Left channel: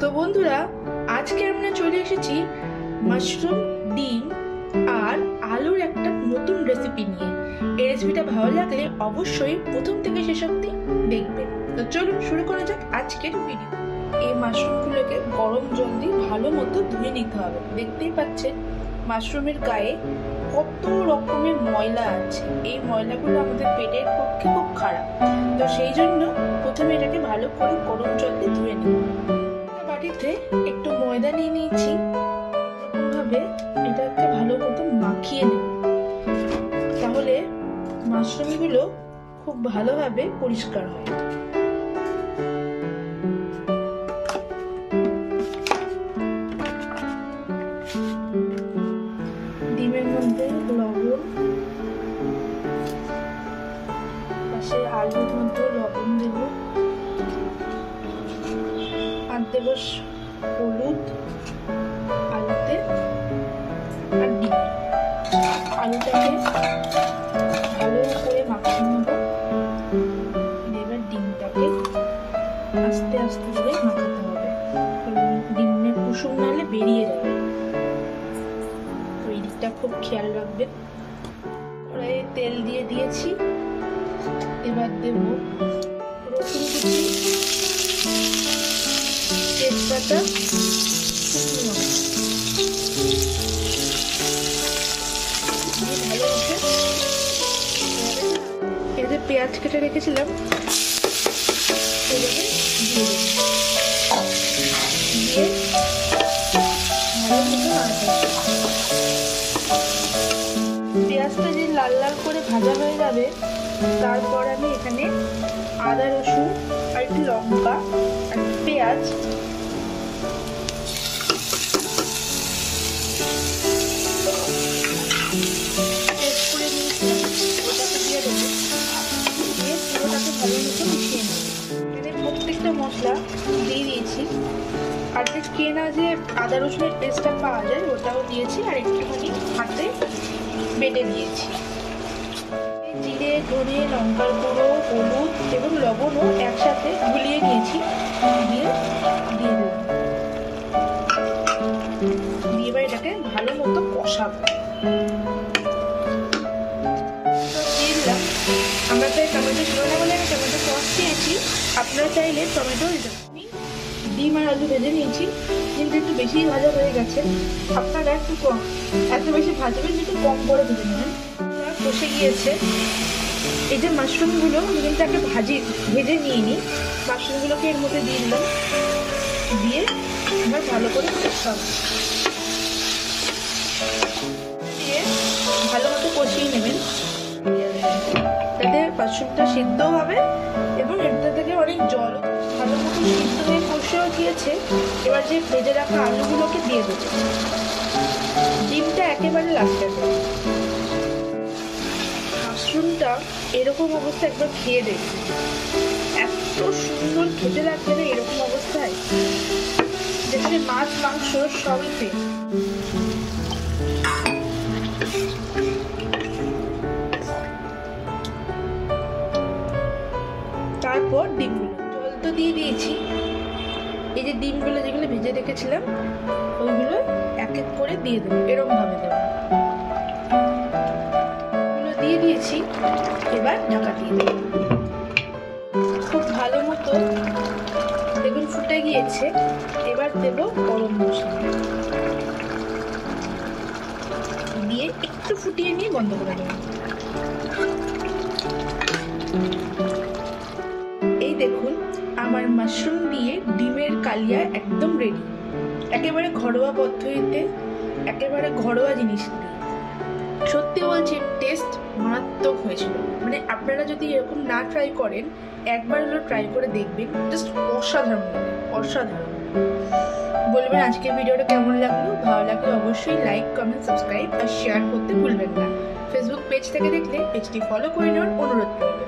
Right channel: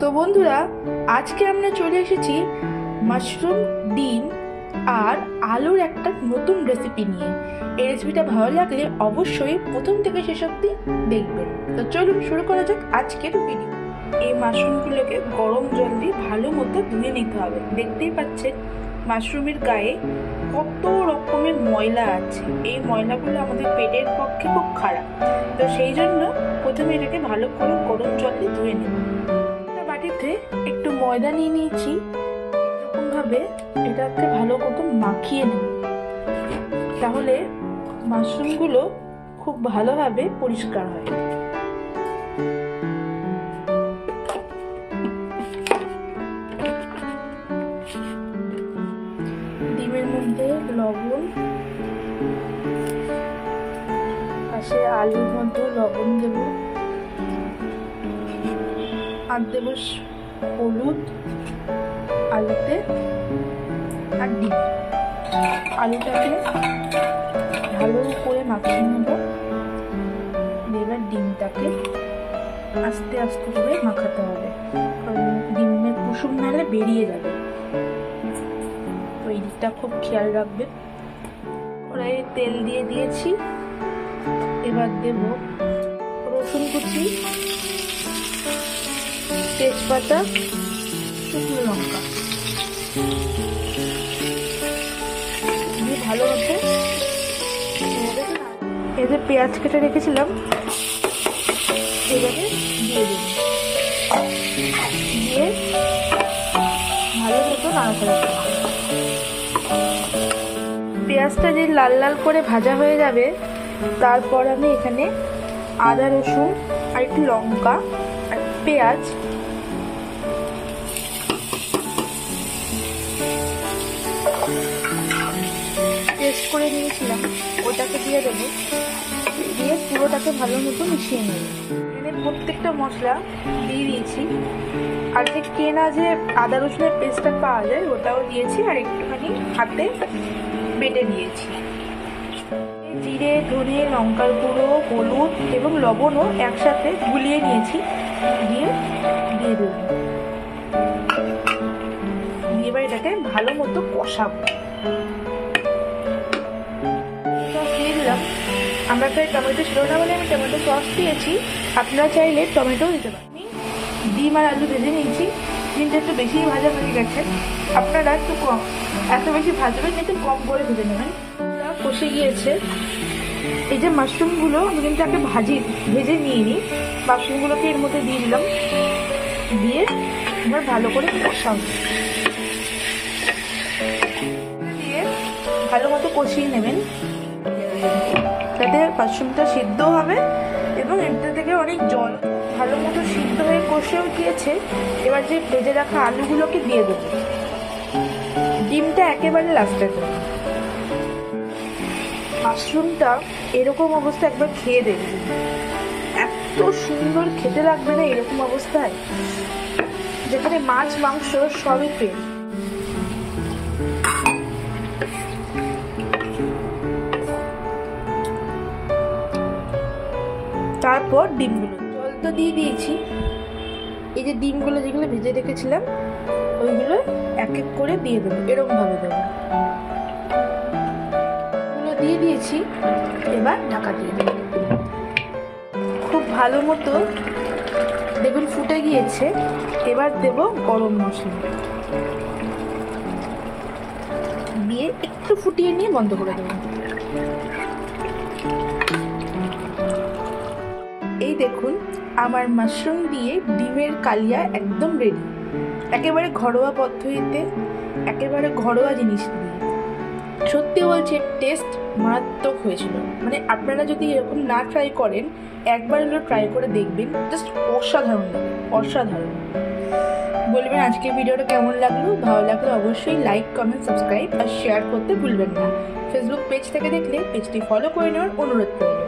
তো বন্ধুরা, আজকে আমরা চলে এসেছি মাশরুম, ডিম আর আলুর একটা নতুন রেসিপি নিয়ে। এই রেসিপিটা ভালো লাগলে অবশ্যই প্রথম থেকে শেষ অবধি দেখবেন। তো চলুন শুরু করা যাক আজকের ভিডিও। এই মাশরুমগুলোকে গরম জল দিয়ে ভালো মতো ধুয়ে নিতে হবে। দেখতেই পাচ্ছেন মাশরুমের গায়ে কত রকমের ময়লা আছে। এই ময়লাগুলো আমাদের পেটের পক্ষে খুব খারাপ। তো সেই জন্য প্রথমে এটাকে ভালো করে গরম জল দিয়ে ধুয়ে নেব। বাটিতে একটু ময়দা নিয়ে নিয়েছি, এরকম ভাবে এটাকে ভালো মতো মাখিয়ে নেব, তাহলে মাশরুমগুলো খুব ভালোভাবে পরিষ্কার হয়। ডিমের মধ্যে লবণ, পাশে আলুর মধ্যে লবণ দেব, আর দেব হলুদ আলুতে, আর ডিম। আলুটাকে ভালো করে মাখিয়ে নেব। এবার ডিমটাকে আস্তে আস্তে করে মাখাতে হবে, কারণ ডিমের কুসুম নাহলে বেরিয়ে যাবে। তো এই দিকটা খুব খেয়াল রাখবেন। কড়াইয়ে তেল দিয়ে দিয়েছি। এবার দেব রসুন কুচি, তেজপাতা, শুকনো লঙ্কা দিয়ে ভালো মতো এই যে পেঁয়াজ কেটে রেখেছিলাম এভাবে দিয়ে দেব, দিয়ে ভালো মতো নাড়াচাড়া করব। পেঁয়াজটা যে লাল লাল করে ভাজা হয়ে যাবে, তারপর আমি এখানে আদা, রসুন আর একটু লঙ্কা আর পেঁয়াজ পেস্ট করে নিয়েছিলাম, ওটাকে দিয়ে দেবো। দিয়ে পুরোটাকে ভালো মতো মিশিয়ে নেব। এখানে প্রত্যেকটা মশলা দিয়ে দিয়েছি, আর যে কেনা যে আদা রসুনের পেস্টটা পাওয়া যায় ওটাও দিয়েছি, আর একটুখানি হাতে বেটে দিয়েছি। জিরে, ধনে, লঙ্কার গুঁড়ো, হলুদ এবং লবণও একসাথে গুলিয়ে নিয়েছি, দিয়ে দিলাম। দিয়ে এবার এটাকে ভালো মতো কষাবো। দিয়ে দিলাম। আমরা চাই টমেটো ছিল না বলে আমি টমেটো সস দিয়েছি, আপনারা চাইলে টমেটো দিতে পারেন। আমি ডিম আর আলু ভেজে নিয়েছি। ডিমটা একটু বেশিই ভাজা হয়ে গেছে, আপনারা একটু কম, এত বেশি ভাজবেন একটু কম করে ভেজে নেবেন। কষে গিয়েছে। এই যে মাশরুমগুলো আমি কিন্তু আগে ভেজে নিয়ে নিই। মাশরুমগুলোকে এর মধ্যে দিয়ে দিলাম, দিয়ে এবার ভালো করে কষাবো। দিয়ে ভালো মতো কষিয়ে নেবেন, তাতে মাশরুমটা সিদ্ধ হবে এবং এটা থেকে অনেক জল ভালো মতো সিদ্ধ হয়ে কষেও গিয়েছে। এবার যে ভেজে রাখা আলুগুলোকে দিয়ে দেবো, ডিমটা একেবারে লাস্টে দেবো। মাশরুমটা এরকম অবস্থা একবার খেয়ে দেখবেন, এত সুন্দর খেতে লাগবে না এরকম অবস্থায়, যেখানে মাছ মাংস সবই তেল। তারপর ডিমগুলো, জল তো দিয়ে দিয়েছি। এই যে ডিমগুলো যেগুলো ভেজে রেখেছিলাম ওইগুলো এক এক করে দিয়ে দেবো, এরকম ভাবে দেবো। এগুলো দিয়ে দিয়েছি, এবার ঢাকা দিয়ে দেবো। খুব ভালো মতো দেখুন ফুটে গিয়েছে। এবার দেব গরম মশলা, দিয়ে একটু ফুটিয়ে নিয়ে বন্ধ করে দেবো। এই দেখুন আমার মাশরুম দিয়ে ডিমের কালিয়া একদম রেডি। একেবারে ঘরোয়া পদ্ধতিতে, একেবারে ঘরোয়া জিনিস দিয়ে। সত্যি বলছি টেস্ট মারাত্মক হয়েছিল। মানে আপনারা যদি এরকম না ট্রাই করেন, একবার হলো ট্রাই করে দেখবেন, জাস্ট অসাধারণ লাগে, অসাধারণ। বলবেন আজকের ভিডিওটা কেমন লাগলো। ভালো লাগলে অবশ্যই লাইক, কমেন্ট, সাবস্ক্রাইব আর শেয়ার করতে ভুলবেন না। ফেসবুক পেজ থেকে দেখলে পেজটি ফলো করে নেওয়ার অনুরোধ রইল।